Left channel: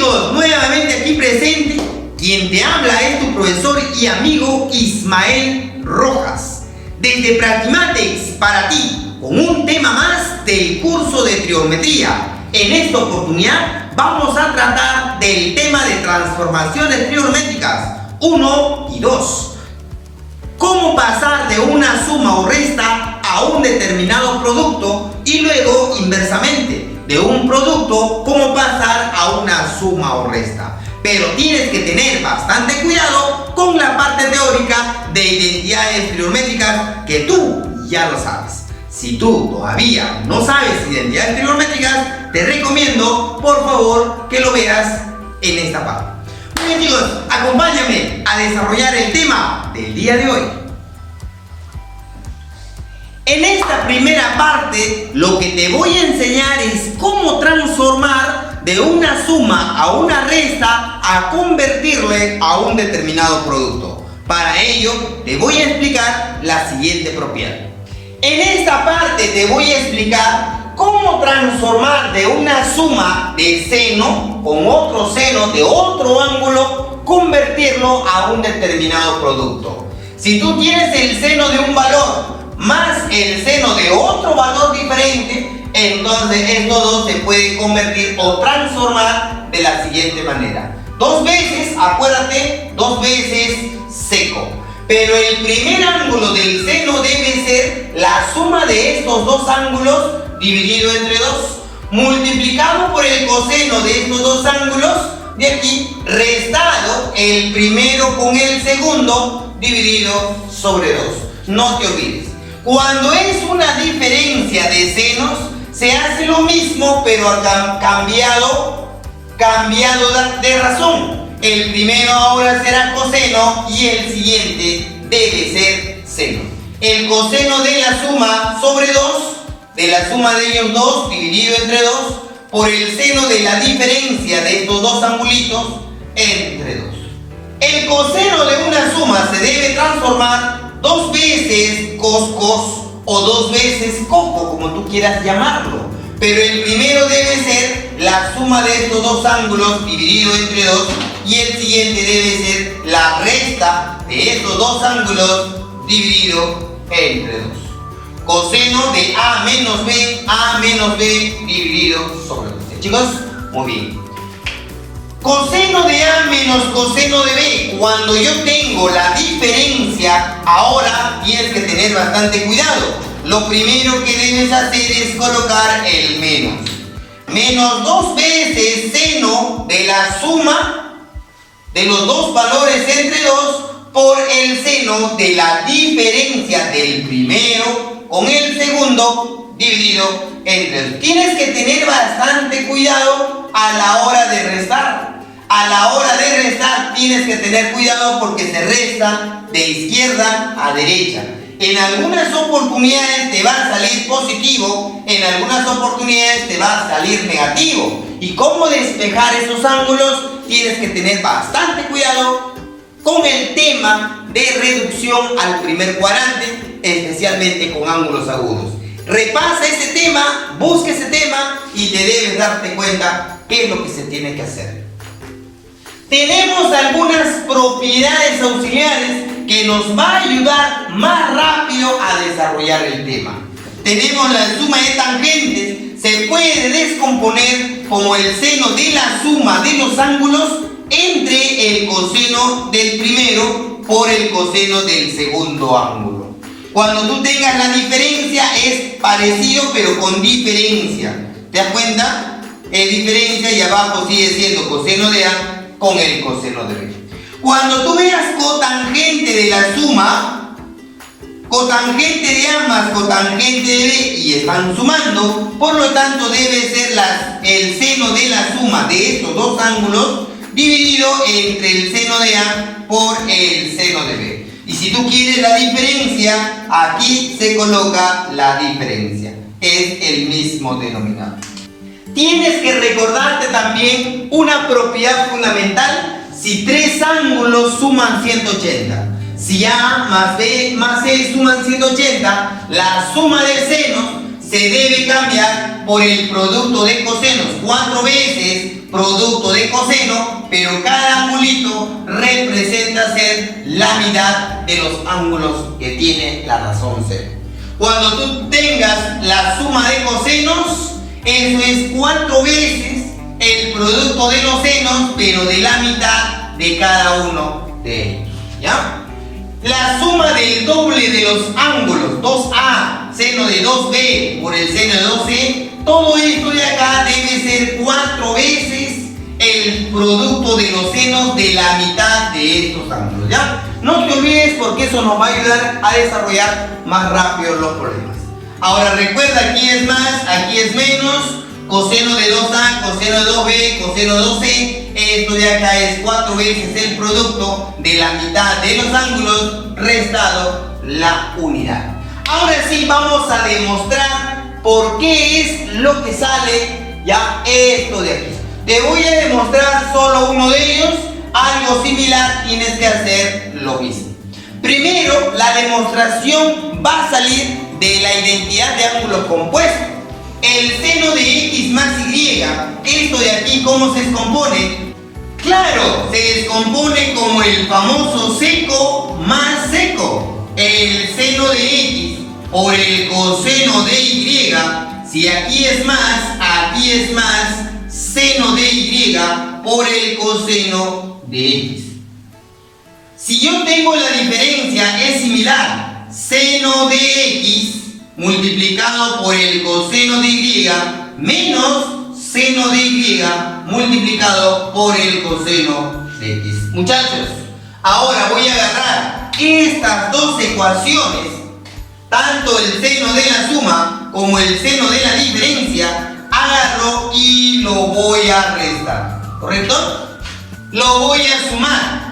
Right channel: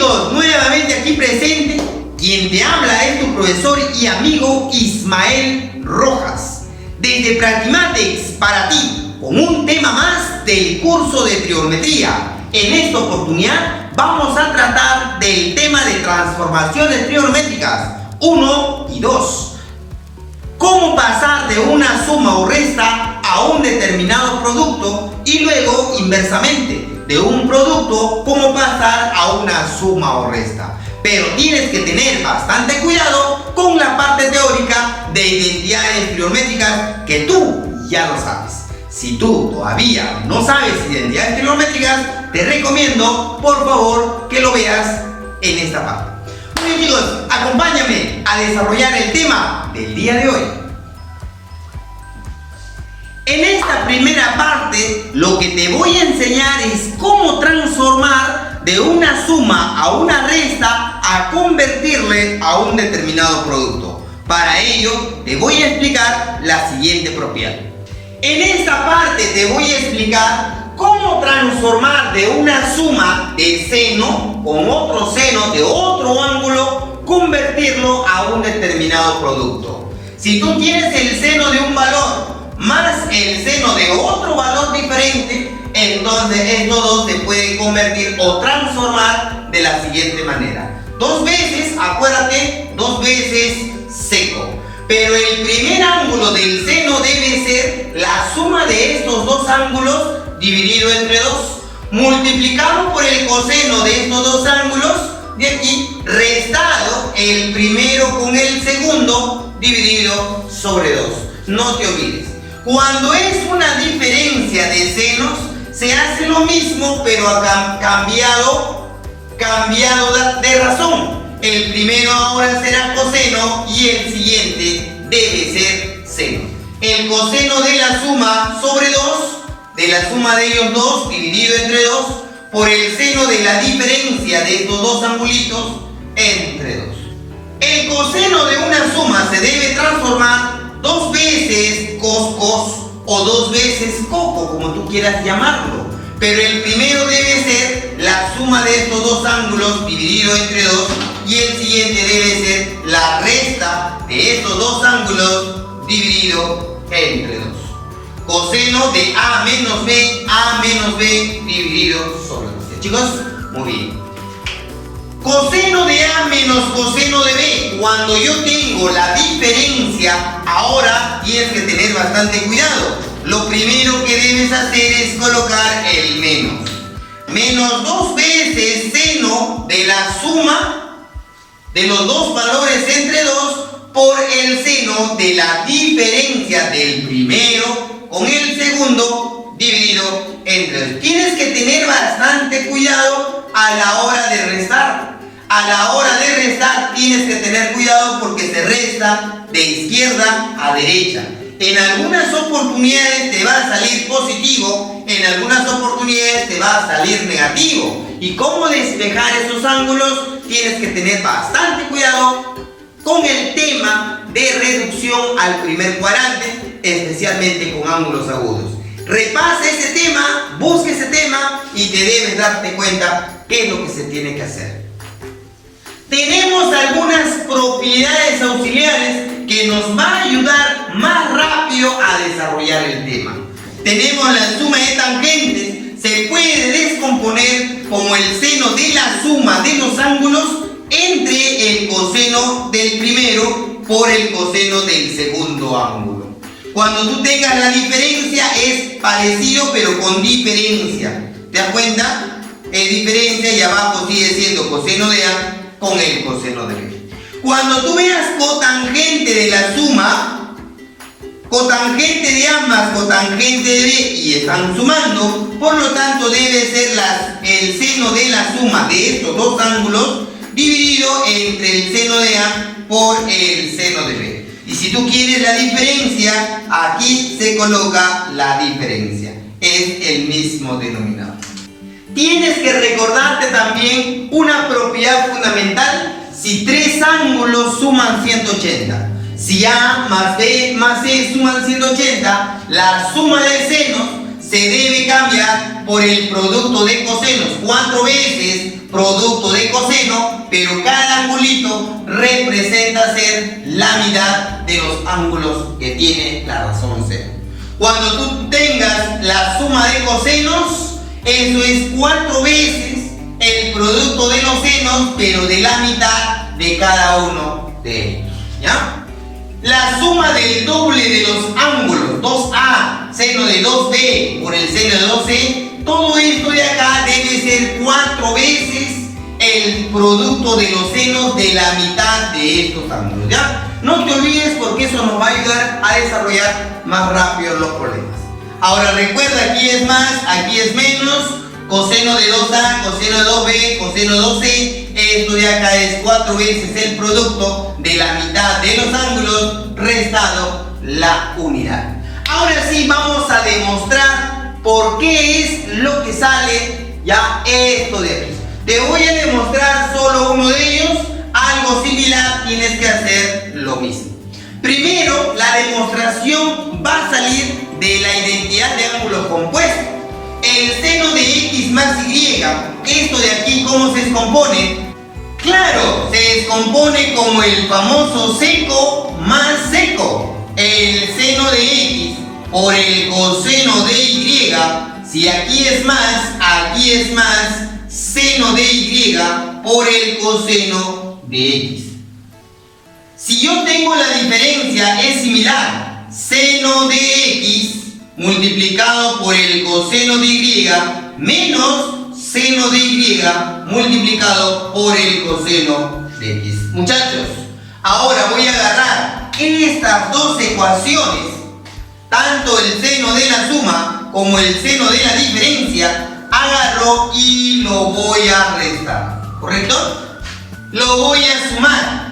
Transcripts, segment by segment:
amigos, nuevamente aquí presente, quien te habla es tu profesor y amigo Ismael Rojas, desde Practimatex para ti, con un tema más del curso de trigonometría. En esta oportunidad vamos a tratar del tema de transformaciones trigonométricas 1 y 2. Cómo pasar de una suma o resta a un determinado producto y luego inversamente, de un producto, cómo pasar a una suma o resta. Pero tienes que tener bastante cuidado con la parte teórica de identidades trigonométricas que tú ya lo sabes. Si tú todavía no sabes identidades trigonométricas, te recomiendo, por favor, que lo veas en esta parte. Muy bien, chicos, acompáñame a desarrollar el tema del día de hoy. En esta primera parte, lo que te voy a enseñar es cómo transformar de una suma a una resta a convertirle a un determinado producto. Para ello, te voy a explicar la siguiente propiedad. En esta parte te voy a explicar cómo transformar de una suma de seno con otro seno de otro ángulo, convertirlo a un determinado producto. Si tú tienes el seno de un valor más el seno de otro valor diferente, entonces estos dos se pueden convertir o transformar de la siguiente manera. Dos veces, acuérdate, dos veces seco. Pero el primer ángulo del seno debe ser la suma de estos dos ángulos dividido entre 2, multiplicado por el coseno de estos dos ángulos de aquí, restado el primero con el segundo dividido sobre 2. No te olvides. Cuando es una diferencia de senos, se hace lo mismo, pero cambiado de razón. El primero ahora será coseno y el siguiente debe ser seno. El coseno de la suma sobre 2, de la suma de ellos dos dividido entre 2, por el seno de la diferencia de estos dos angulitos entre 2. El coseno de una suma se debe transformar dos veces cos o dos veces coco, como tú quieras llamarlo. Pero el primero debe ser la suma de estos dos ángulos dividido entre 2 y el siguiente debe ser la resta de estos dos ángulos dividido entre 2. Coseno de A menos B dividido sobre 2. Chicos, muy bien. Coseno de A menos coseno de B. Cuando yo tengo la diferencia, ahora tienes que tener bastante cuidado. Lo primero que debes hacer es colocar el menos. Menos dos veces seno de la suma de los dos valores entre 2 por el seno de la diferencia del primero con el segundo dividido entre 2. Tienes que tener bastante cuidado a la hora de restar. A la hora de restar tienes que tener cuidado porque se resta de izquierda a derecha. En algunas oportunidades te va a salir positivo, en algunas oportunidades te va a salir negativo. Y cómo despejar esos ángulos, tienes que tener bastante cuidado con el tema de reducción al primer cuadrante, especialmente con ángulos agudos. Repasa ese tema, busca ese tema y te debes darte cuenta qué es lo que se tiene que hacer. Tenemos algunas propiedades auxiliares que nos va a ayudar más rápido a desarrollar el tema. Tenemos la suma de tangentes, se puede descomponer como el seno de la suma de los ángulos entre el coseno del primero por el coseno del segundo ángulo. Cuando tú tengas la diferencia es parecido pero con diferencia. ¿Te das cuenta? Es diferencia y abajo sigue siendo coseno de A con el coseno de B. Cuando tú veas cotangente de la suma, cotangente de A más cotangente de B y están sumando, por lo tanto debe ser el seno de la suma de estos dos ángulos dividido entre el seno de A por el seno de B. Y si tú quieres la diferencia, aquí se coloca la diferencia. Es el mismo denominador. Tienes que recordarte también una propiedad fundamental si tres ángulos suman 180. Si A más B más C suman 180, la suma de senos se debe cambiar por el producto de cosenos. 4 veces producto de coseno, pero cada angulito representa ser la mitad de los ángulos que tiene la razón cero. Cuando tú tengas la suma de cosenos, eso es 4 veces el producto de los senos, pero de la mitad de cada uno de ellos, ¿ya? La suma del doble de los ángulos, 2A, seno de 2B por el seno de 2C, todo esto de acá debe ser 4 veces el producto de los senos de la mitad de estos ángulos, ¿ya? No te olvides porque eso nos va a ayudar a desarrollar más rápido los problemas. Ahora recuerda, aquí es más, aquí es menos, coseno de 2A, coseno de 2B, coseno de 2C, esto de acá es 4 veces el producto de la mitad de los ángulos restado la unidad. Ahora sí vamos a demostrar por qué es lo que sale ya esto de aquí. Te voy a demostrar solo uno de ellos, algo similar tienes que hacer lo mismo. Primero, la demostración va a salir de la identidad de ángulos compuestos. El seno de x más y, esto de aquí, ¿cómo se descompone? Claro, se descompone como el famoso seco más seco. El seno de x por el coseno de y, si aquí es más, seno de y por el coseno de x. Si yo tengo la diferencia, es similar, seno de x multiplicado por el coseno de y menos seno de y multiplicado por el coseno de x. Muchachos, ahora voy a agarrar estas dos ecuaciones, tanto el seno de la suma como el seno de la diferencia, agarro y lo voy a restar, ¿correcto? Lo voy a sumar.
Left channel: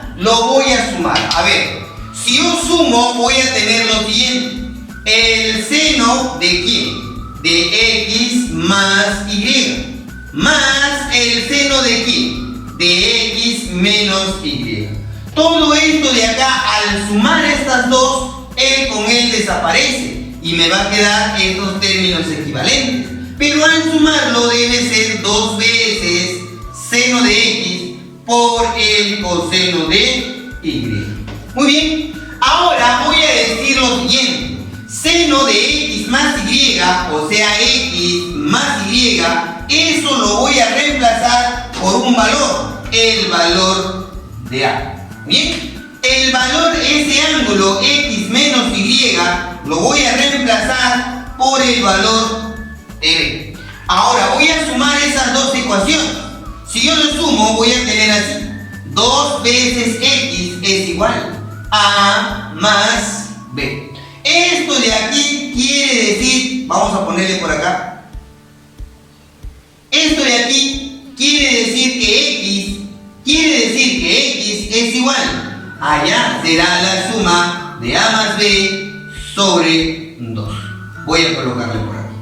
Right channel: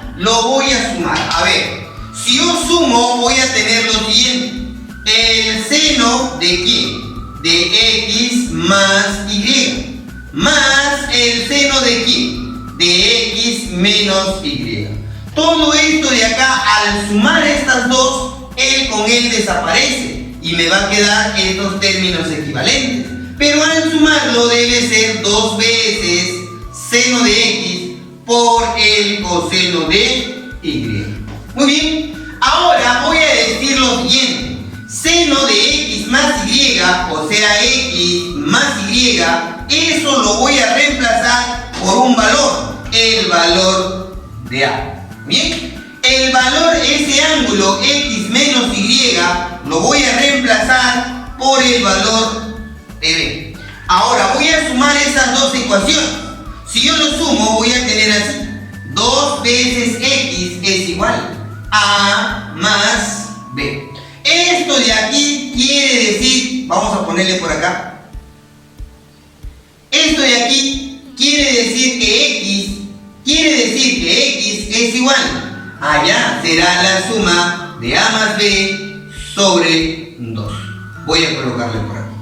A ver, si yo sumo voy a tener lo siguiente. El seno de ¿quién? De x más y, más el seno de ¿quién? De x menos y. Todo esto de acá, al sumar estas dos, el con él desaparece y me va a quedar estos términos equivalentes. Pero al sumarlo debe ser 2 veces seno de x por el coseno de y. Muy bien, ahora voy a decir lo siguiente. Seno de x más y, o sea x más y, eso lo voy a reemplazar por un valor, el valor de a. Bien, el valor, ese ángulo x menos y, lo voy a reemplazar por el valor de b. Ahora voy a sumar esas dos ecuaciones. Si yo lo sumo voy a tener así: 2 veces x es igual a más b. Esto de aquí quiere decir, vamos a ponerle por acá, esto de aquí quiere decir que x es igual a, ya será la suma de a más b sobre 2. Voy a colocarle por aquí.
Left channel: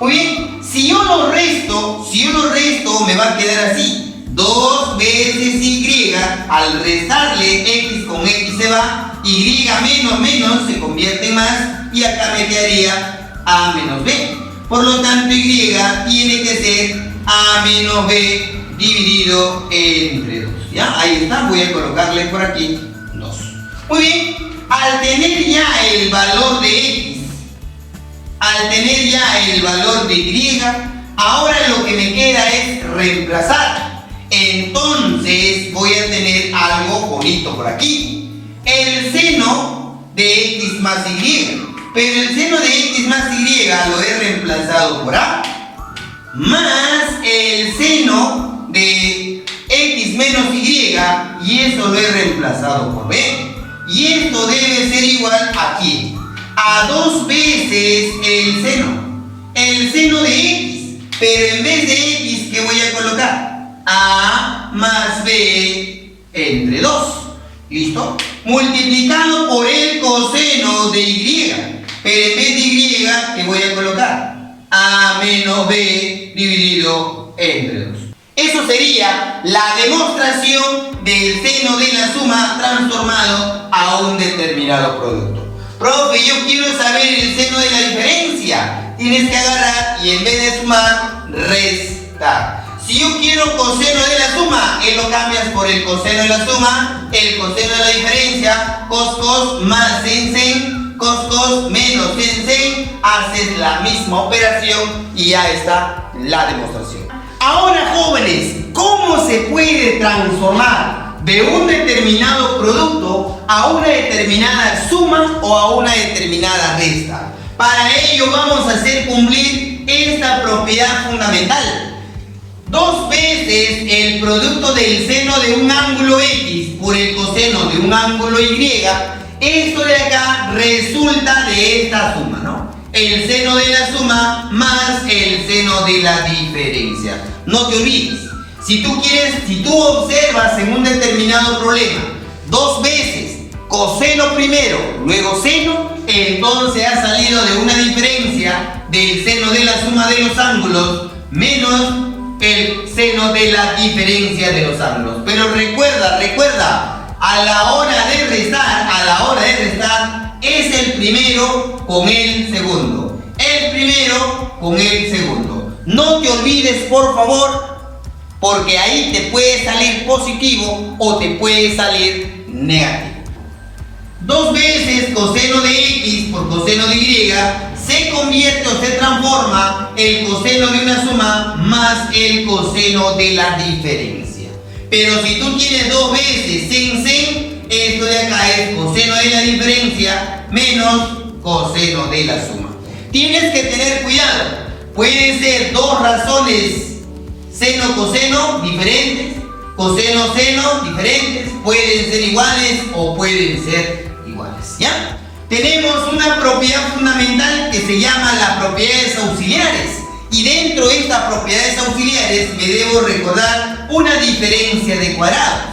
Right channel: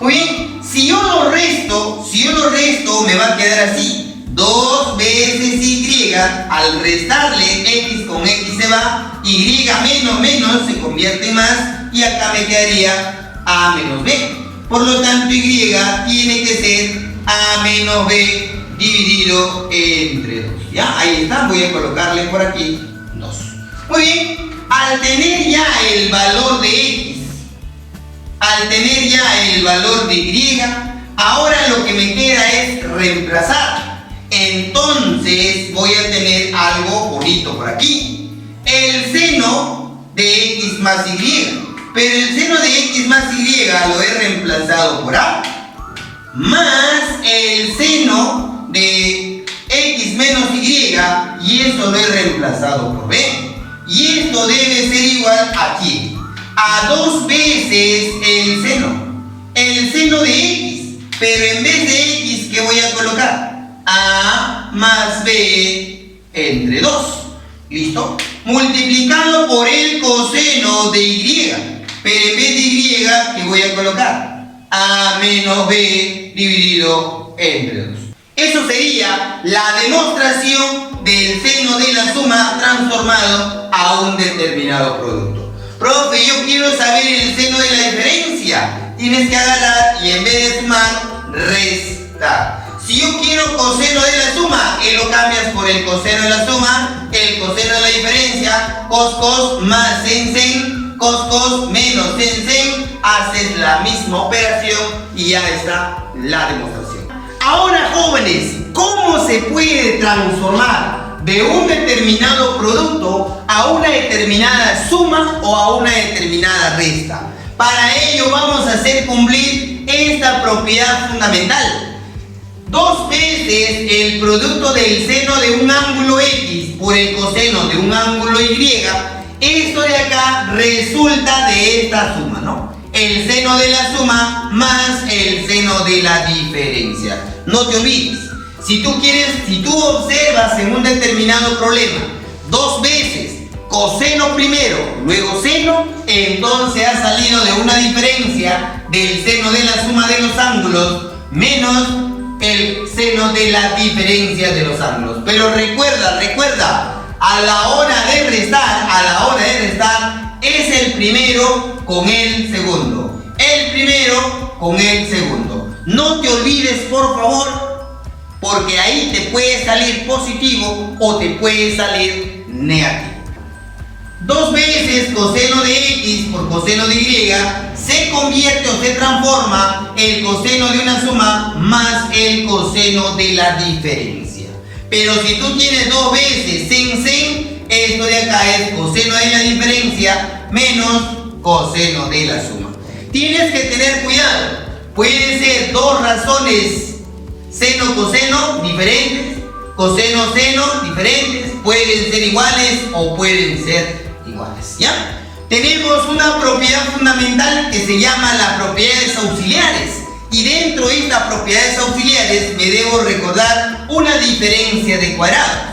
Muy bien, si yo lo resto me va a quedar así: 2 veces y, al restarle x con x se va, y menos se convierte en más, y acá me quedaría a menos b. Por lo tanto, y tiene que ser a menos b dividido entre 2. ¿Ya? Ahí está, voy a colocarle por aquí 2. Muy bien, al tener ya el valor de x, al tener ya el valor de y, ahora lo que me queda es reemplazar. Entonces voy a tener algo bonito por aquí: el seno de x más y. Pero el seno de x más y lo he reemplazado por a, más el seno de x menos y eso lo he reemplazado por b. Y esto debe ser igual aquí a 2 veces el seno de x, pero en vez de x, ¿qué voy a colocar? A más b entre 2. ¿Listo? Multiplicado por el coseno de y, pero en vez de y, ¿qué voy a colocar? A menos b dividido entre 2. Eso sería la demostración del seno de la suma transformado a un determinado producto. Profe, yo quiero saber el seno de la diferencia. Tienes que agarrar y en vez de sumar, restar. Si yo quiero coseno de la suma, lo cambias por el coseno de la suma, el coseno de la diferencia, cos más sen, cos menos sen, haces la misma operación y ya está la demostración. Ahora, jóvenes, ¿cómo se puede transformar de un determinado producto a una determinada suma o a una determinada resta? Para ello vamos a hacer cumplir esta propiedad fundamental. 2 veces el producto del seno de un ángulo X por el coseno de un ángulo Y, esto de acá resulta de esta suma, ¿no? El seno de la suma más el seno de la diferencia. No te olvides, si tú observas en un determinado problema 2 veces coseno primero, luego seno, entonces ha salido de una diferencia del seno de la suma de los ángulos menos el seno de la diferencia de los ángulos. Pero recuerda, a la hora de restar, es el primero con el segundo. El primero con el segundo. No te olvides, por favor, porque ahí te puede salir positivo o te puede salir negativo. 2 veces coseno de X por coseno de Y se convierte o se transforma el coseno de una suma más el coseno de la diferencia. Pero si tú tienes 2 veces sen, esto de acá es coseno de la diferencia menos coseno de la suma. Tienes que tener cuidado. Pueden ser 2 razones seno-coseno diferentes, coseno-seno diferentes, pueden ser iguales o pueden ser iguales, ¿ya? Tenemos una propiedad fundamental que se llama las propiedades auxiliares. Y dentro de estas propiedades auxiliares me debo recordar una diferencia de cuadrados.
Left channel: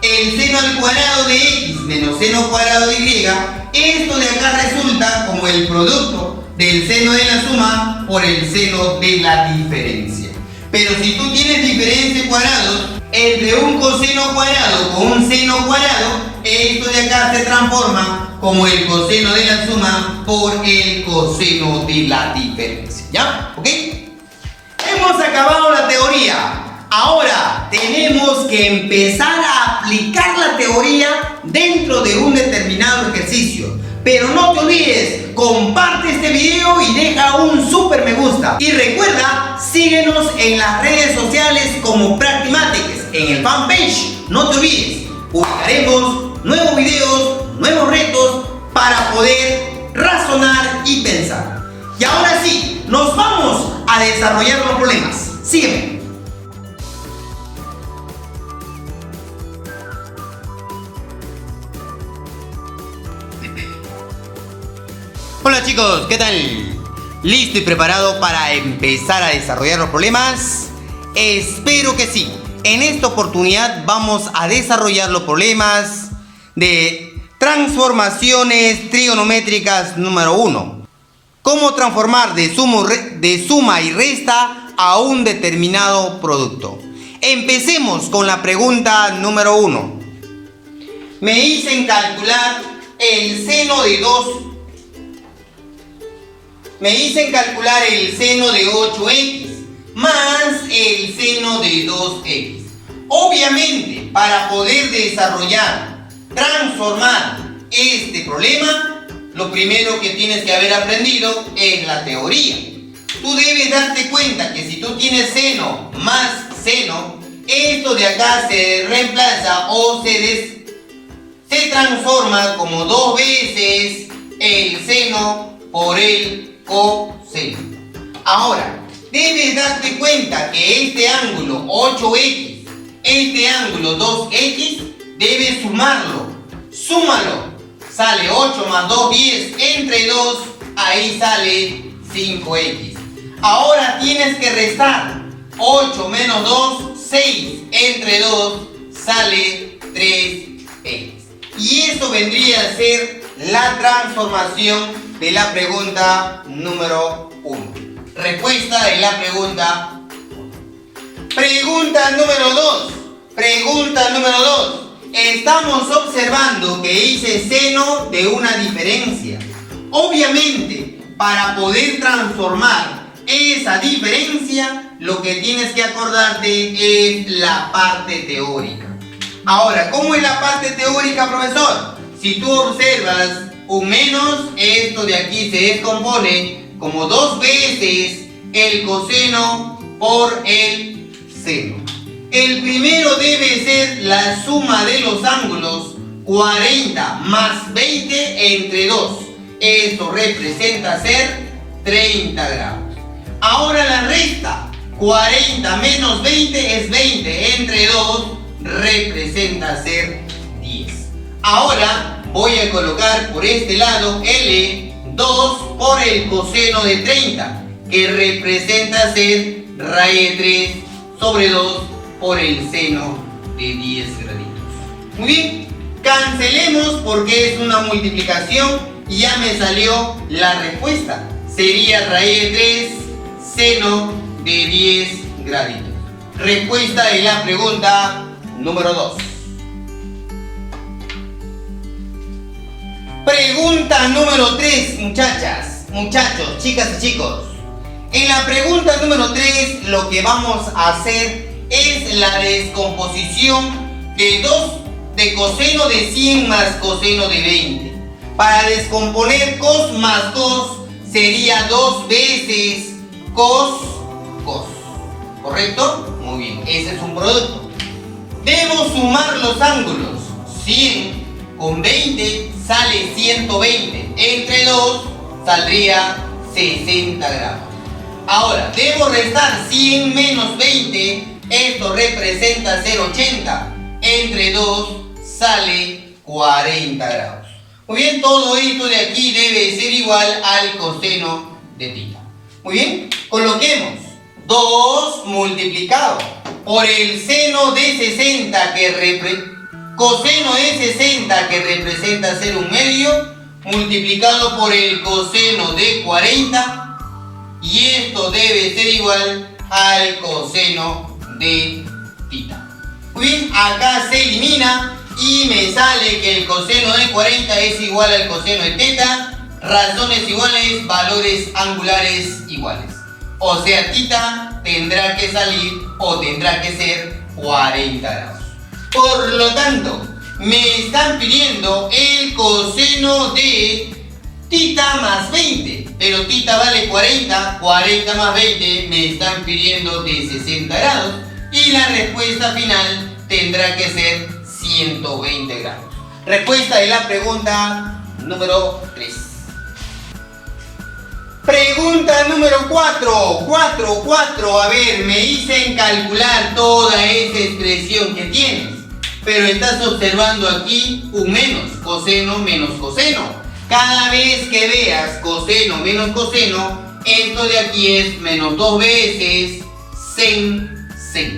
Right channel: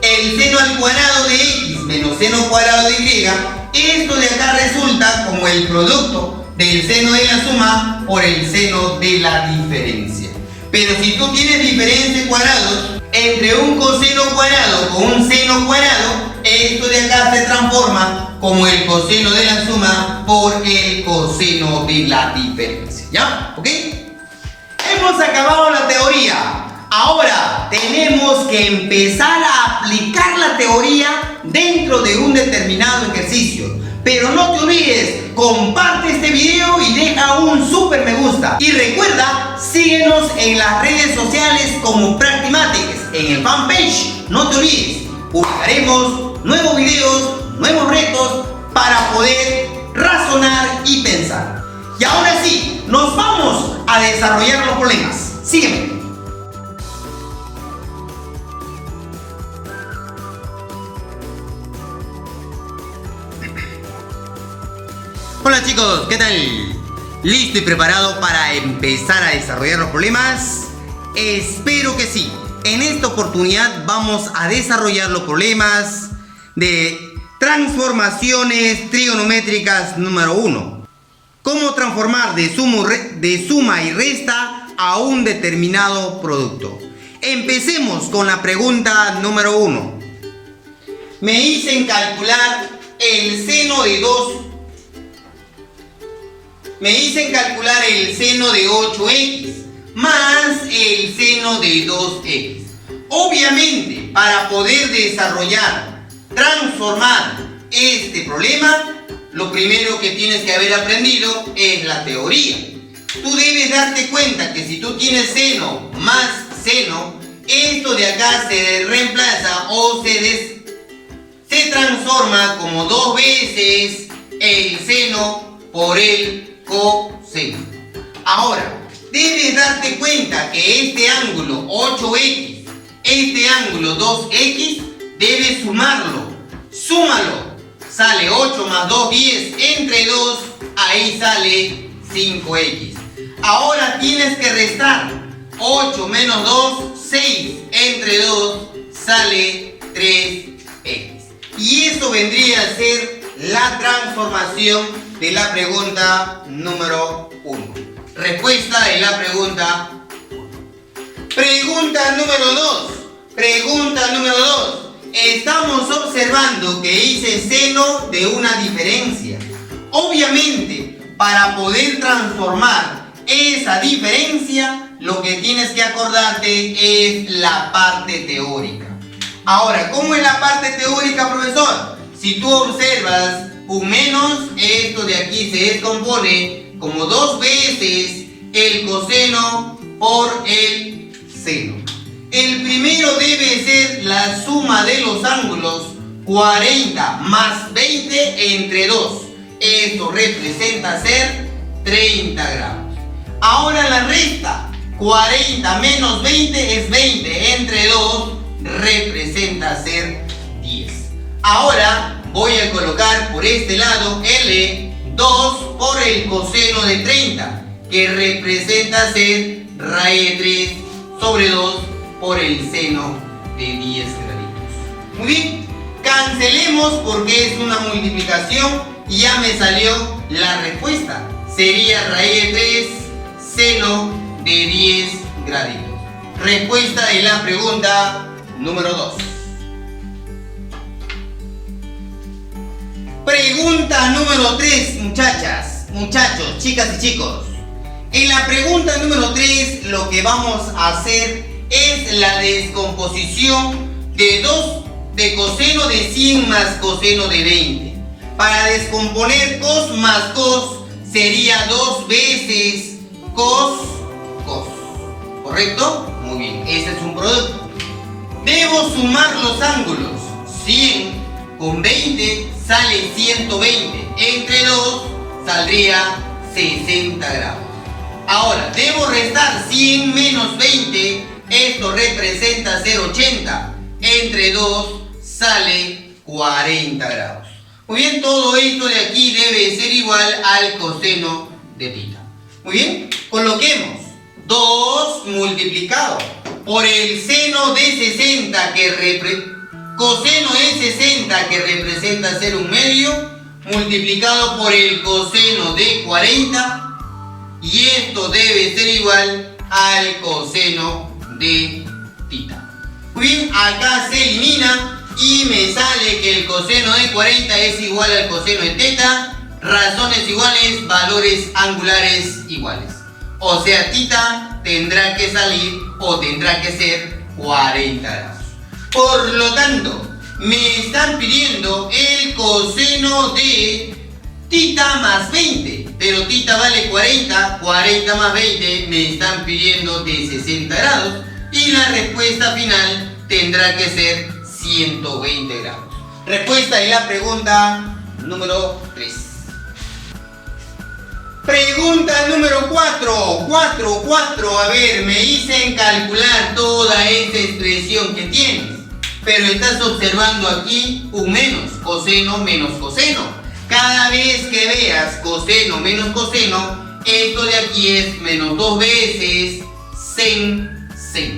El seno al cuadrado de X menos seno cuadrado de Y, esto de acá resulta como el producto del seno de la suma por el seno de la diferencia. Pero si tú tienes diferencia de cuadrados entre un coseno cuadrado con un seno cuadrado, esto de acá se transforma como el coseno de la suma por el coseno de la diferencia, ¿ya? ¿Ok? Hemos acabado la teoría. Ahora tenemos que empezar a aplicar la teoría dentro de un determinado ejercicio. Pero no te olvides, comparte este video y deja un super me gusta. Y recuerda, síguenos en las redes sociales como Practimatic, en el fanpage. No te olvides, publicaremos nuevos videos, nuevos retos para poder razonar y pensar. Y ahora sí, nos vamos a desarrollar los problemas. Sígueme. Hola chicos, ¿qué tal? ¿Listo y preparado para empezar a desarrollar los problemas? Espero que sí. En esta oportunidad vamos a desarrollar los problemas de transformaciones trigonométricas número 1. ¿Cómo transformar de suma y resta a un determinado producto? Empecemos con la pregunta número 1. Me dicen calcular el seno de 8x más el seno de 2x. Obviamente, para poder transformar este problema, lo primero que tienes que haber aprendido es la teoría. Tú debes darte cuenta que si tú tienes seno más seno, esto de acá se reemplaza o se transforma como 2 veces el seno por el coseno. Ahora, debes darte cuenta que este ángulo 8x, este ángulo 2x, debes sumarlo. Súmalo. Sale 8 más 2, 10. Entre 2, ahí sale 5x. Ahora tienes que restar. 8 menos 2, 6. Entre 2, sale 3x. Y esto vendría a ser la transformación de la pregunta número 1. Respuesta de la pregunta 1. Pregunta número 2. Pregunta número 2. Estamos observando que hice seno de una diferencia. Obviamente, para poder transformar esa diferencia, lo que tienes que acordarte es la parte teórica. Ahora, ¿cómo es la parte teórica, profesor? Si tú observas un menos, esto de aquí se descompone como 2 veces el coseno por el seno. El primero debe ser la suma de los ángulos 40 más 20 entre 2. Esto representa ser 30 grados. Ahora la resta, 40 menos 20 es 20 entre 2 representa ser 10. Ahora voy a colocar por este lado L 2 por el coseno de 30, que representa ser raíz de 3 sobre 2 por el seno de 10 graditos. Muy bien, cancelemos porque es una multiplicación y ya me salió la respuesta. Sería raíz de 3 seno de 10 graditos. Respuesta de la pregunta número 2. Pregunta número 3, muchachas, muchachos, chicas y chicos. En la pregunta número 3 lo que vamos a hacer es la descomposición de coseno de 100 más coseno de 20. Para descomponer cos más cos sería 2 veces cos, cos. ¿Correcto? Muy bien, ese es un producto. Debo sumar los ángulos. 100 con 20 sale 120. Entre 2 saldría 60 grados. Ahora, debo restar 100 menos 20. Esto representa ser 80. Entre 2 sale 40 grados. Muy bien, todo esto de aquí debe ser igual al coseno de θ. Muy bien, coloquemos 2 multiplicado por el seno de 60 coseno de 60 que representa ser un medio, multiplicado por el coseno de 40, y esto debe ser igual al coseno de θ. Muy bien, acá se elimina y me sale que el coseno de 40 es igual al coseno de θ, razones iguales, valores angulares iguales. O sea, θ tendrá que salir o tendrá que ser 40 grados. Por lo tanto, me están pidiendo el coseno de θ más 20. Pero θ vale 40, 40 más 20 me están pidiendo de 60 grados. Y la respuesta final tendrá que ser 120 grados. Respuesta de la pregunta número 3. Pregunta número 4. 4. A ver, me dicen calcular toda esa expresión que tienes. Pero estás observando aquí un menos, coseno menos coseno. Cada vez que veas coseno menos coseno, esto de aquí es menos 2 veces sen,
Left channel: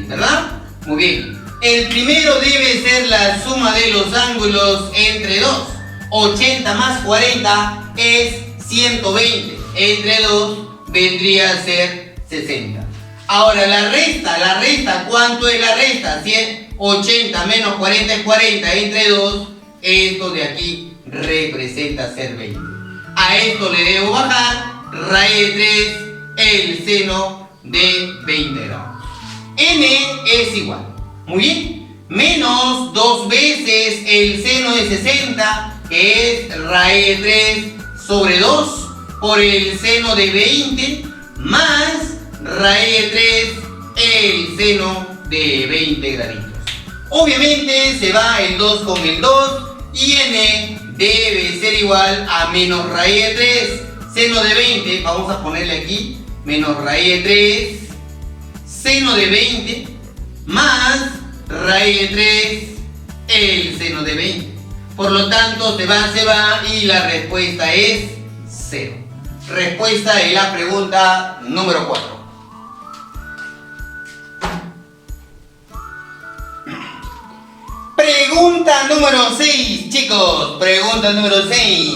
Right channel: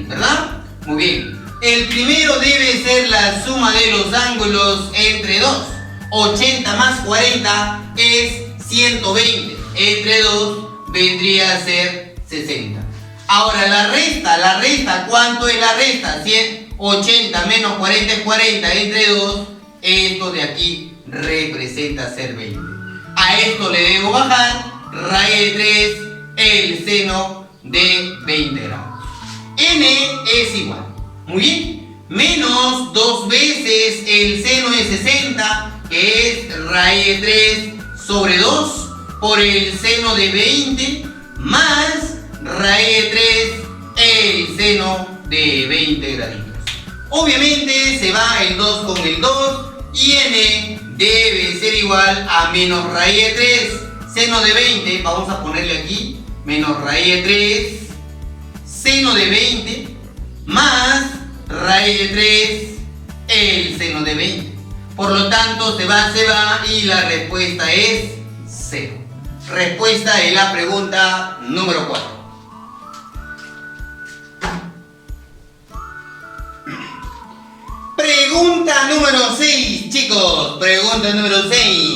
¿verdad? Muy bien. El primero debe ser la suma de los ángulos entre 2. 80 más 40 es 120. Entre 2 vendría a ser 60. Ahora la resta, ¿cuánto es la resta? 80 menos 40 es 40, entre 2, esto de aquí representa ser 20. A esto le debo bajar raíz de 3 el seno de 20 grados. N es igual, muy bien, menos 2 veces el seno de 60, que es raíz de 3 sobre 2 por el seno de 20, más raíz de 3 el seno de 20 graditos. Obviamente se va el 2 con el 2 y n debe ser igual a menos raíz de 3 seno de 20, vamos a ponerle aquí, menos raíz de 3 seno de 20 más raíz de 3 el seno de 20. Por lo tanto se va y la respuesta es 0. Respuesta de la pregunta número 4. Pregunta número 6, chicos. Pregunta número 6.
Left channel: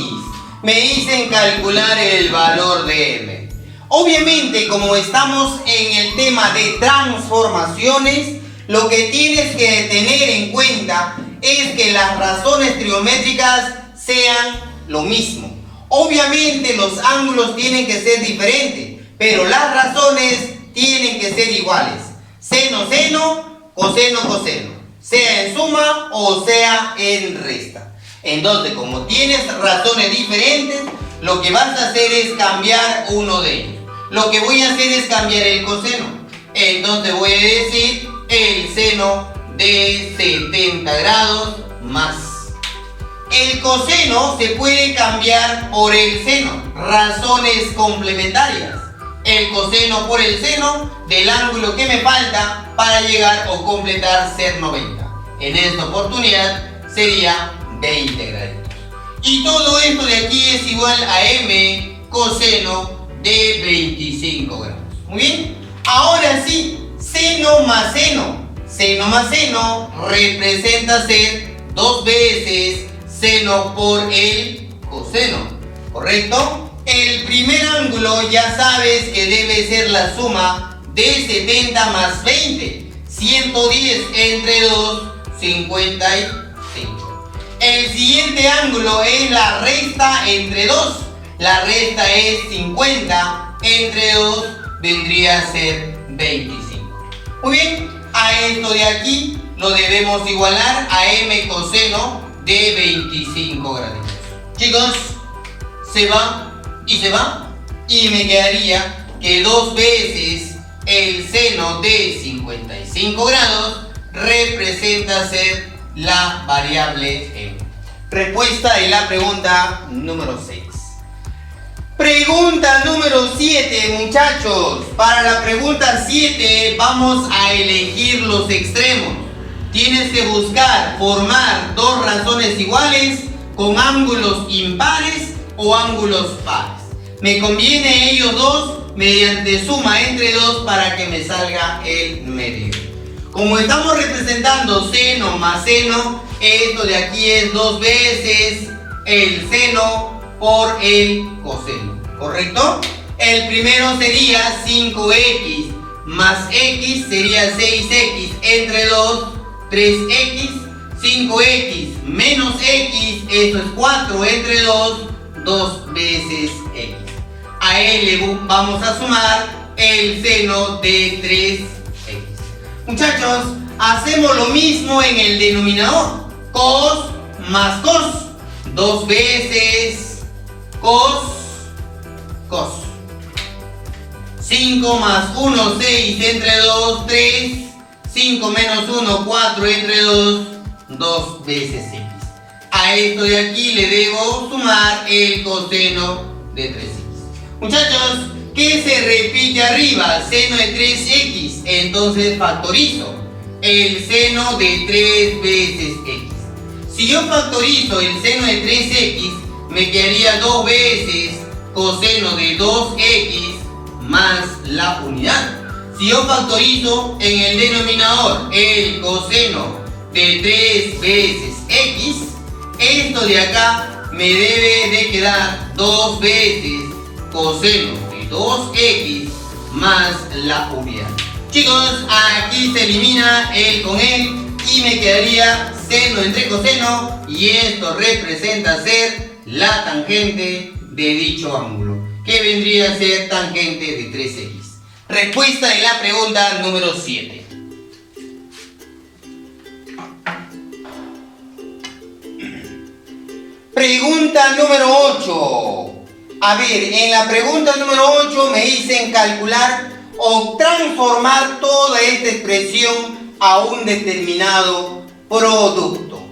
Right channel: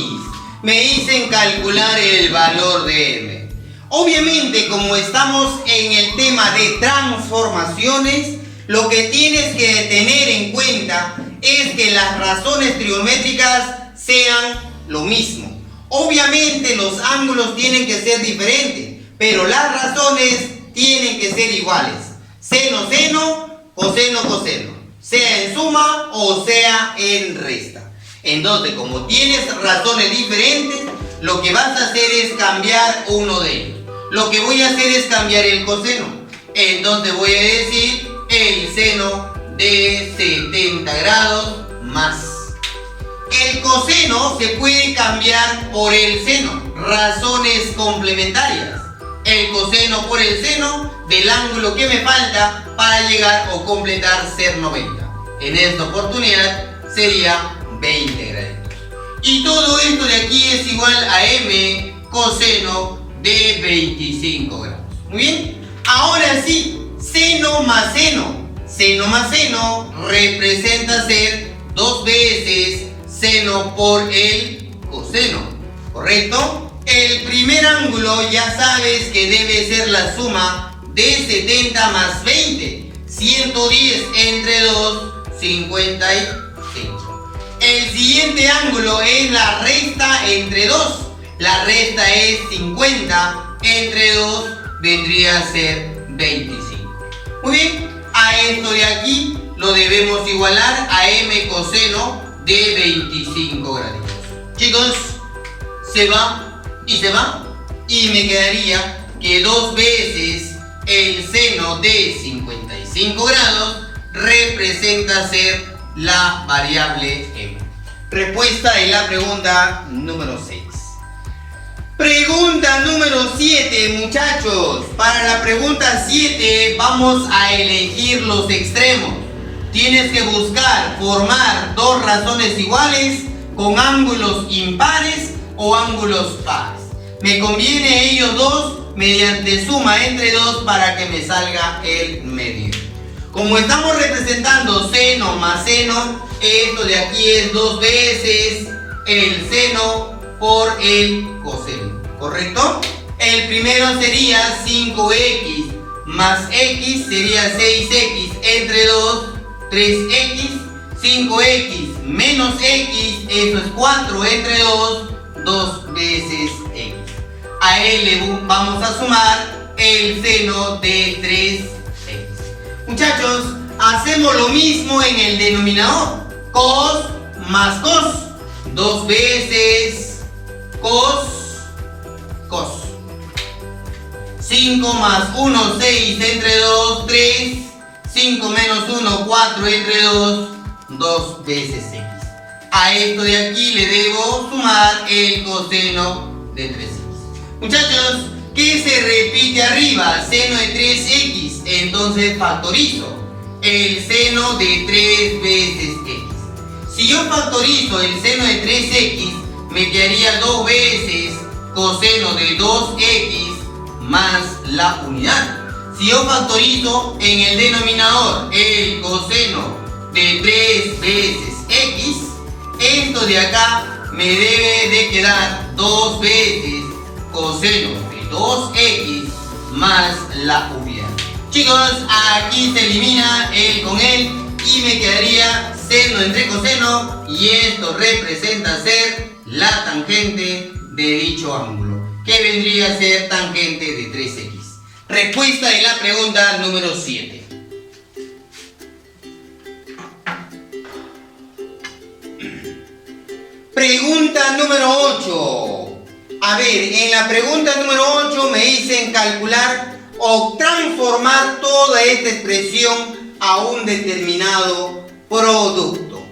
Me dicen calcular el valor de m. Obviamente, como estamos en el tema de transformaciones, lo que tienes que tener en cuenta es que las razones trigonométricas sean lo mismo. Obviamente los ángulos tienen que ser diferentes, pero las razones tienen que ser iguales. Seno, seno, coseno, coseno. Sea en suma o sea en resta. Entonces, como tienes razones diferentes, lo que vas a hacer es cambiar uno de ellos. Lo que voy a hacer es cambiar el coseno. Entonces voy a decir el seno de 70 grados más. El coseno se puede cambiar por el seno. Razones complementarias. El coseno por el seno del ángulo que me falta para llegar o completar ser 90. En esta oportunidad sería 20 graditos. Y todo esto de aquí es igual a m coseno de 25 grados. Muy bien. Ahora sí, seno más seno. Seno más seno representa ser 2 veces seno por el coseno. ¿Correcto? El primer ángulo ya sabes que debe ser la suma de 70 más 20. 110 entre 2, 55. El siguiente ángulo es la resta entre 2. La resta es 50 entre 2 vendría a ser 25. Muy bien, a esto de aquí lo debemos igualar a m coseno de 25 grados. Chicos, se va y se va y me quedaría que 2 veces el seno de 55 grados representa ser la variable m. Respuesta de la pregunta número 6. Pregunta número 7, muchachos. Para la pregunta 7 vamos a elegir los extremos. Tienes que buscar formar dos razones iguales con ángulos impares o ángulos pares. Me conviene ellos dos mediante suma entre 2 para que me salga el medio. Como estamos representando seno más seno, esto de aquí es 2 veces el seno por el coseno, ¿correcto? El primero sería 5x más x sería 6x entre 2, 3x, 5x menos x, eso es 4 entre 2, 2 veces x. A él le vamos a sumar el seno de 3x. Muchachos, hacemos lo mismo en el denominador. Cos más cos. 2 veces cos, cos. 5 más 1, 6 entre 2, 3. 5 menos 1, 4 entre 2, 2 veces x. A esto de aquí le debo sumar el coseno de 3x. Muchachos, ¿qué se repite arriba? Seno de 3x. Entonces factorizo el seno de 3 veces x. Si yo factorizo el seno de 3x, me quedaría 2 veces coseno de 2x más la unidad. Si yo factorizo en el denominador el coseno de 3 veces x, esto de acá me debe de quedar 2 veces coseno de 2x más la unidad. Chicos, aquí se elimina el con él y me quedaría seno entre coseno y esto representa ser la tangente de dicho ángulo, que vendría a ser tangente de 3x. Respuesta de la pregunta número 7. Pregunta número 8. A ver, en la pregunta número 8 me dicen calcular o transformar toda esta expresión a un determinado producto.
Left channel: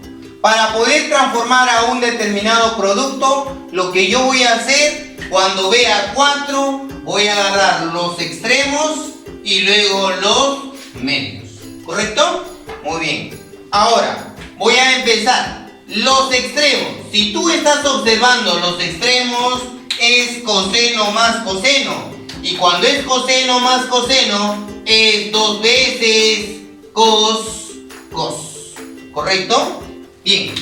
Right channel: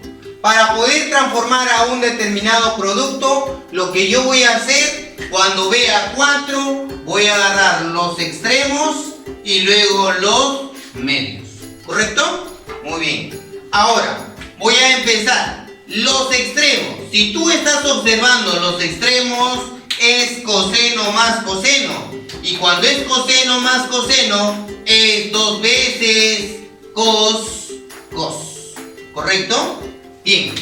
Para poder transformar a un determinado producto, lo que yo voy a hacer cuando vea 4, voy a agarrar los extremos y luego los medios. ¿Correcto? Muy bien. Ahora, voy a empezar. Los extremos. Si tú estás observando los extremos, es coseno más coseno. Y cuando es coseno más coseno, es 2 veces cos, cos. ¿Correcto? Bien.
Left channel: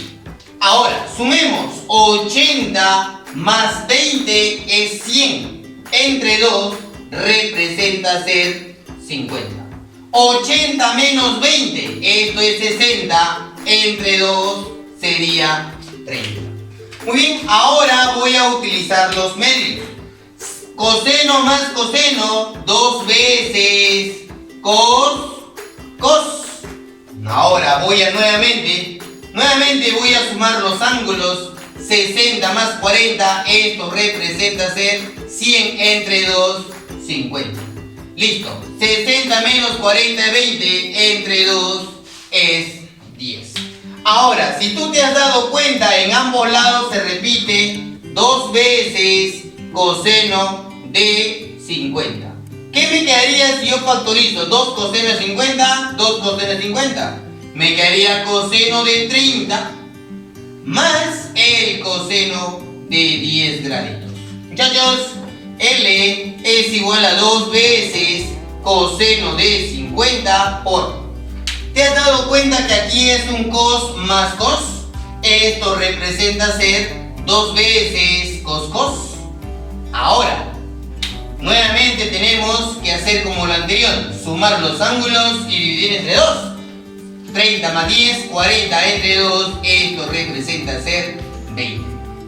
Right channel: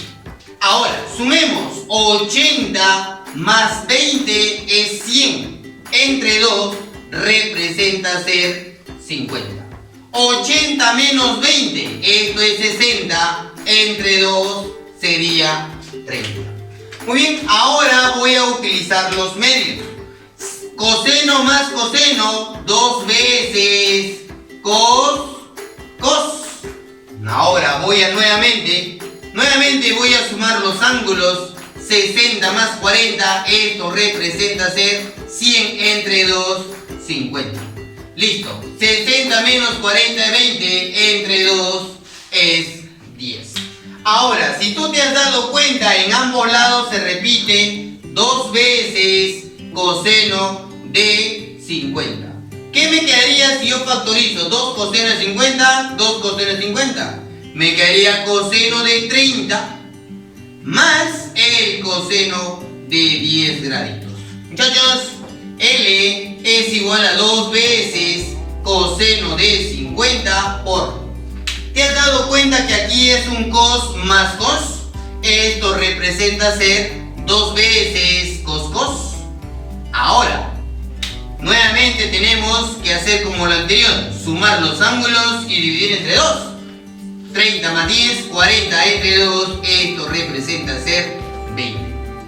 Ahora, sumemos. 80 más 20 es 100. Entre 2 representa ser 50. 80 menos 20, esto es 60. Entre 2 sería 30. Muy bien, ahora voy a utilizar los medios. Coseno más coseno, 2 veces cos. Ahora voy a nuevamente voy a sumar los ángulos. 60 más 40, esto representa ser 100 entre 2, 50. Listo. 60 menos 40 es 20, entre 2 es 10. Ahora, si tú te has dado cuenta, en ambos lados se repite 2 veces coseno de 50. ¿Qué me quedaría si yo factorizo 2 coseno de 50? 2 coseno de 50. Me quedaría coseno de 30 más el coseno de 10 graditos. Muchachos, L es igual a 2 veces coseno de 50 por... ¿Te has dado cuenta que aquí es un cos más cos? Esto representa ser 2 veces cos. Ahora, nuevamente tenemos que hacer como lo anterior, sumar los ángulos y dividir entre 2. 30 más 10, 40 entre 2, esto representa ser 20.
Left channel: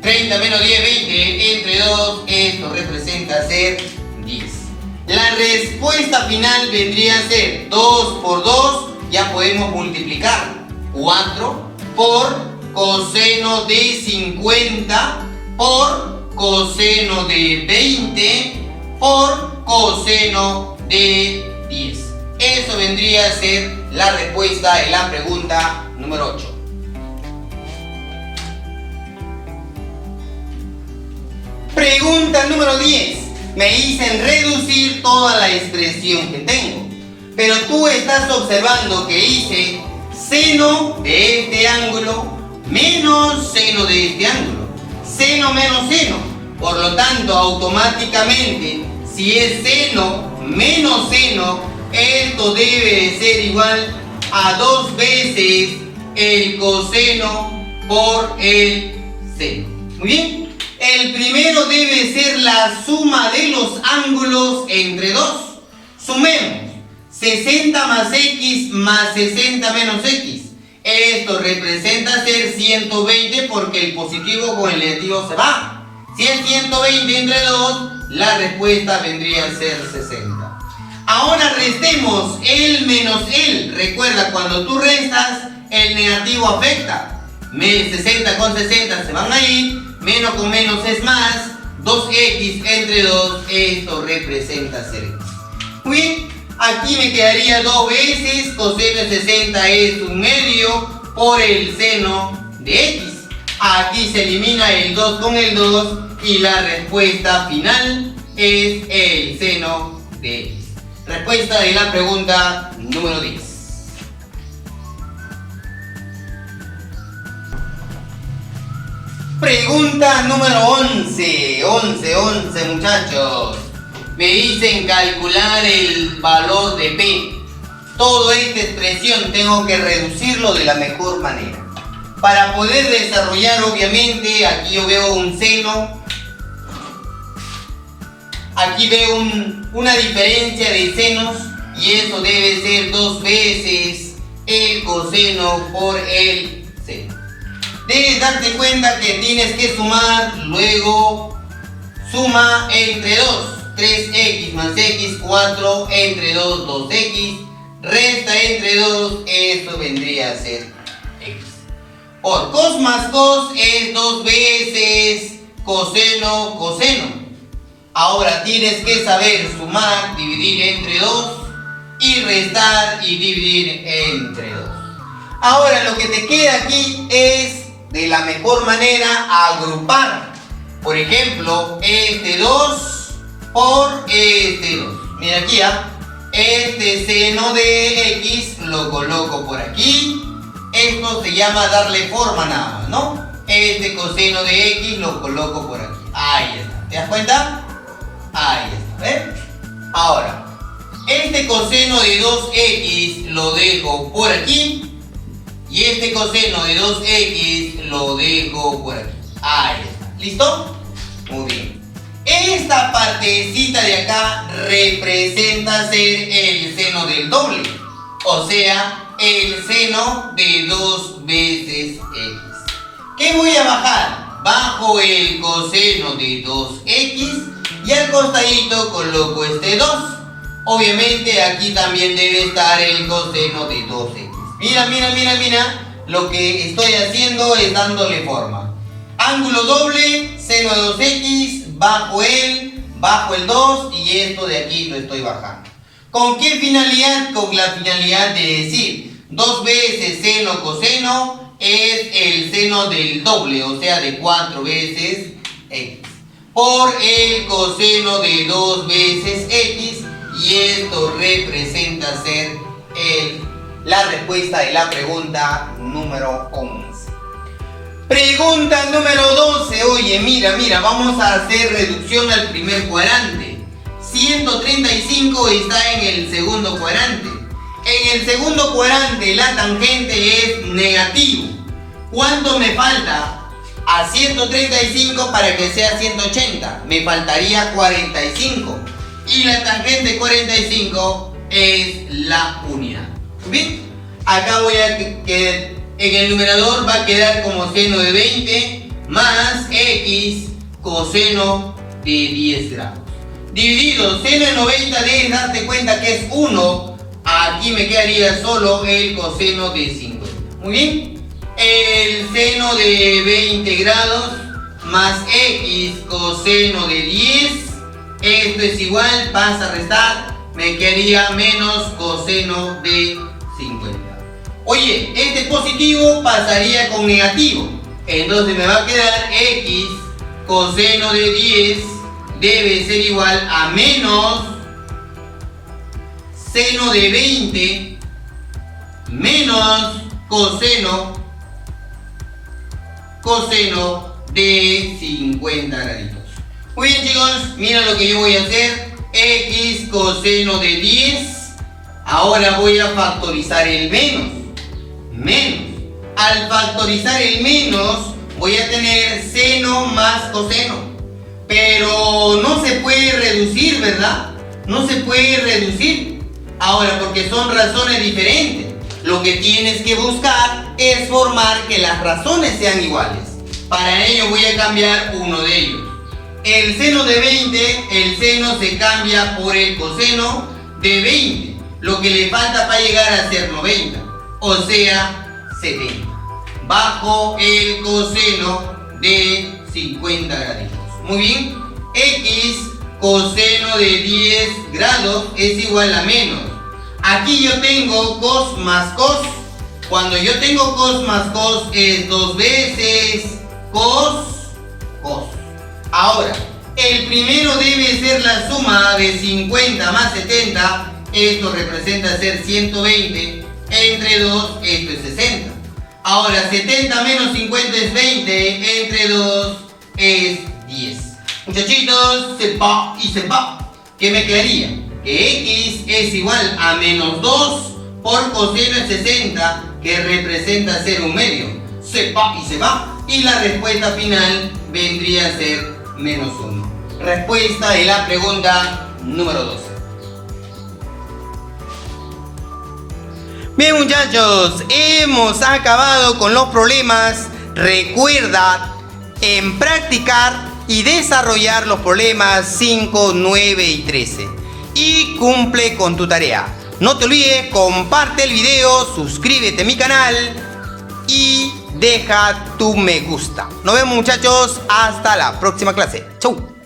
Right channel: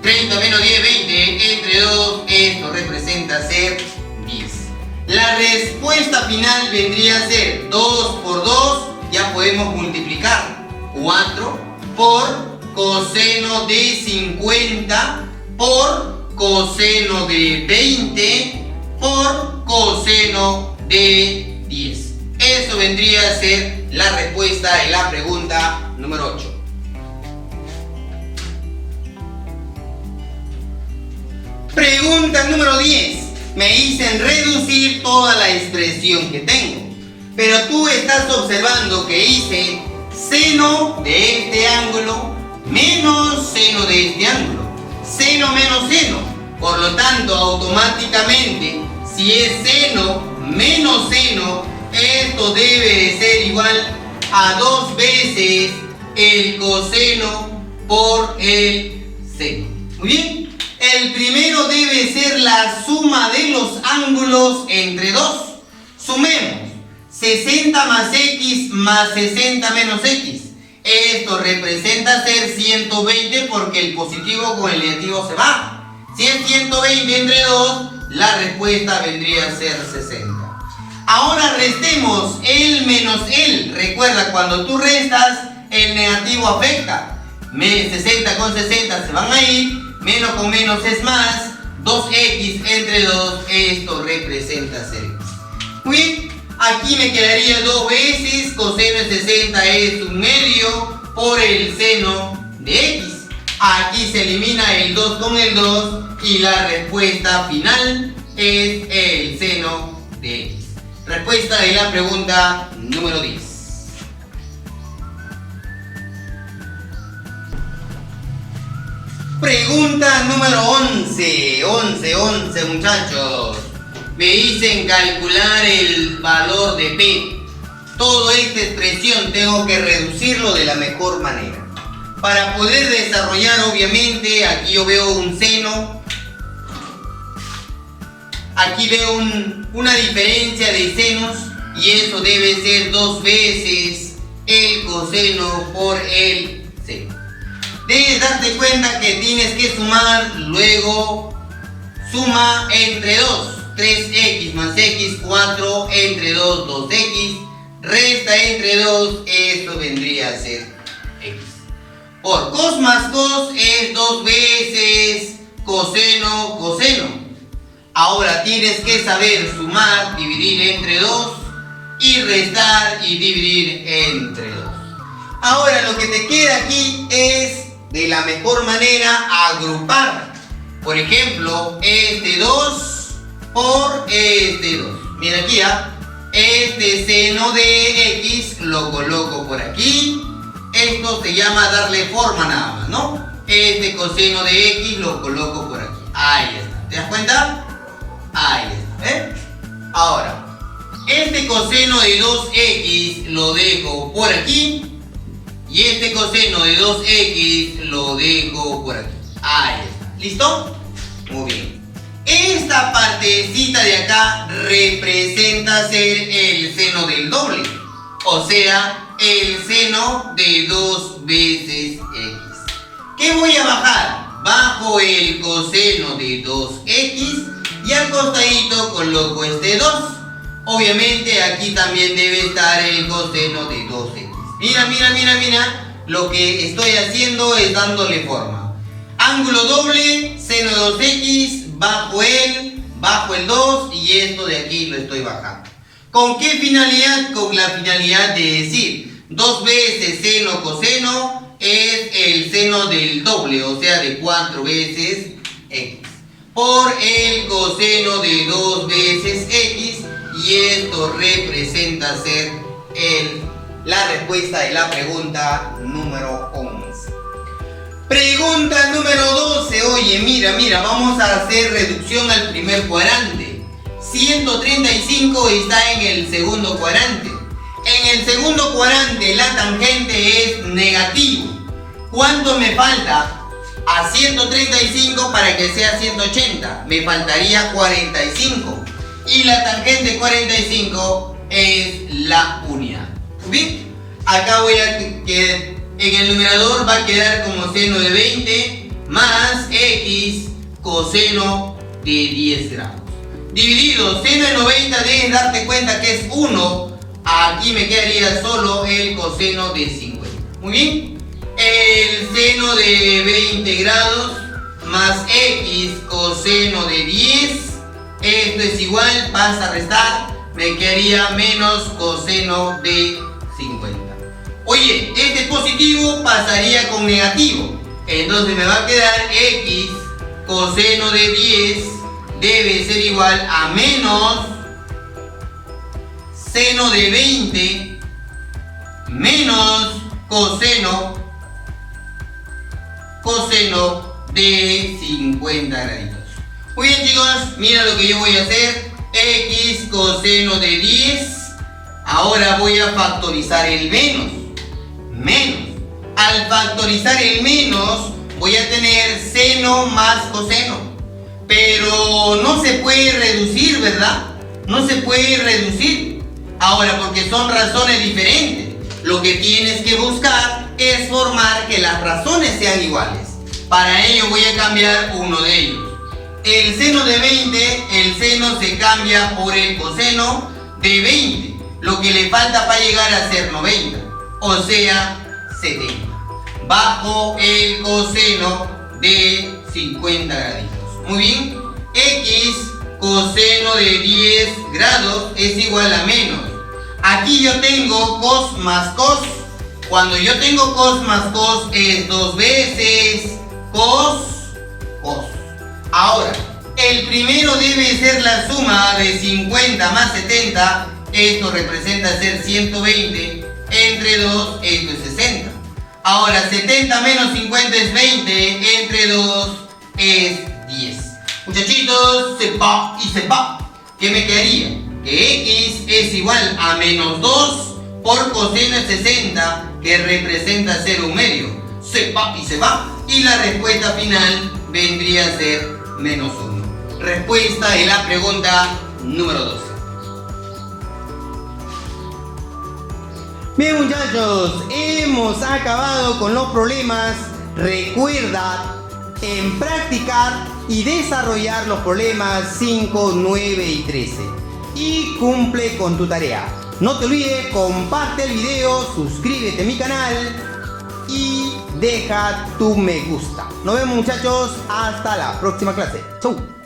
30 menos 10, 20 entre 2, esto representa ser 10. La respuesta final vendría a ser 2 por 2, ya podemos multiplicar. 4 por coseno de 50 por coseno de 20 por coseno de 10. Eso vendría a ser la respuesta de la pregunta número 8. Pregunta número 10. Me dicen reducir toda la expresión que tengo. Pero tú estás observando que hice seno de este ángulo menos seno de este ángulo. Seno menos seno. Por lo tanto, automáticamente, si es seno menos seno, esto debe de ser igual a 2 veces el coseno por el seno. Muy bien. El primero debe ser la suma de los ángulos entre 2. Sumemos 60 más x más 60 menos x. Esto representa ser 120 porque el positivo con el negativo se va. Si es 120 entre 2, la respuesta vendría a ser 60. Ahora restemos el menos el. Recuerda, cuando tú restas, el negativo afecta. 60 con 60 se van a ir. Menos con menos es más. 2x entre 2, esto representa ser x. Muy bien, aquí me quedaría 2 veces coseno de 60 es 1/2 por el seno de x. Aquí se elimina el 2 con el 2 y la respuesta final es el seno de x. Respuesta de la pregunta número 10. Pregunta número 11. 11 muchachos. Me dicen calcular el valor de P. Toda esta expresión tengo que reducirlo de la mejor manera. Para poder desarrollar, obviamente, aquí yo veo un seno. Aquí veo una diferencia de senos y eso debe ser 2 veces el coseno por el seno. Debes darte cuenta que tienes que sumar, luego suma entre 2. 3x más x, 4 entre 2, 2x, resta entre 2, esto vendría a ser x. Por cos más cos es 2 veces coseno, coseno. Ahora tienes que saber sumar, dividir entre 2 y restar y dividir entre 2. Ahora lo que te queda aquí es de la mejor manera agrupar. Por ejemplo, este 2 por este 2. Mira aquí, este seno de x lo coloco por aquí. Esto se llama darle forma nada más, ¿no? Este coseno de x lo coloco por aquí. Ahí está. ¿Te das cuenta? Ahí está, ¿eh? Ahora, este coseno de 2x lo dejo por aquí. Y este coseno de 2x lo dejo por aquí. Ahí está. ¿Listo? Muy bien. Esta partecita de acá representa ser el seno del doble. O sea, el seno de 2 veces x. ¿Qué voy a bajar? Bajo el coseno de 2x Y al costadito coloco este 2. Obviamente aquí también debe estar el coseno de 2x. Mira, mira, mira, mira. Lo que estoy haciendo es dándole forma. Ángulo doble, seno de 2x, bajo el 2 y esto de aquí lo estoy bajando. ¿Con qué finalidad? Con la finalidad de decir 2 veces seno coseno es el seno del doble, o sea de 4 veces x. Por el coseno de 2 veces x y esto representa ser la respuesta de la pregunta número 11. Pregunta número 12. Oye, mira, mira, vamos a hacer reducción al primer cuadrante. 135 está en el segundo cuadrante. En el segundo cuadrante la tangente es negativo. ¿Cuánto me falta a 135 para que sea 180? Me faltaría 45. Y la tangente 45 es la unidad. ¿Bien? Acá voy a que en el numerador va a quedar como seno de 20 más x coseno de 10 grados. Dividido, seno de 90 debes darte cuenta que es 1. Aquí me quedaría solo el coseno de 50. Muy bien. El seno de 20 grados más x coseno de 10. Esto es igual, pasa a restar. Me quedaría menos coseno de 50. Oye, este positivo pasaría con negativo. Entonces me va a quedar x coseno de 10 debe ser igual a menos seno de 20 menos coseno de 50 graditos. Muy bien, chicos, mira lo que yo voy a hacer. X coseno de 10. Ahora voy a factorizar el menos. Al factorizar el menos voy a tener seno más coseno. Pero no se puede reducir, ¿verdad? No se puede reducir. Ahora, porque son razones diferentes. Lo que tienes que buscar es formar que las razones sean iguales. Para ello voy a cambiar uno de ellos. El seno de 20, el seno se cambia por el coseno de 20. Lo que le falta para llegar a ser 90. O sea, 70. Bajo el coseno de 50 graditos. Muy bien. X coseno de 10 grados es igual a menos. Aquí yo tengo cos más cos. Cuando yo tengo cos más cos es 2 veces cos. Ahora, el primero debe ser la suma de 50 más 70. Esto representa ser 120. Entre 2, esto es 60. Ahora, 70 menos 50 es 20. Entre 2 es 10. Muchachitos, se va y se va. ¿Qué me quedaría? Que x es igual a menos 2 por coseno de 60, que representa ser un medio. Se va y se va. Y la respuesta final vendría a ser menos 1. Respuesta de la pregunta número 12. Bien, muchachos, hemos acabado con los problemas. Recuerda en practicar y desarrollar los problemas 5, 9 y 13. Y cumple con tu tarea. No te olvides, comparte el video, suscríbete a mi canal y deja tu me gusta. Nos vemos, muchachos, hasta la próxima clase. Chau.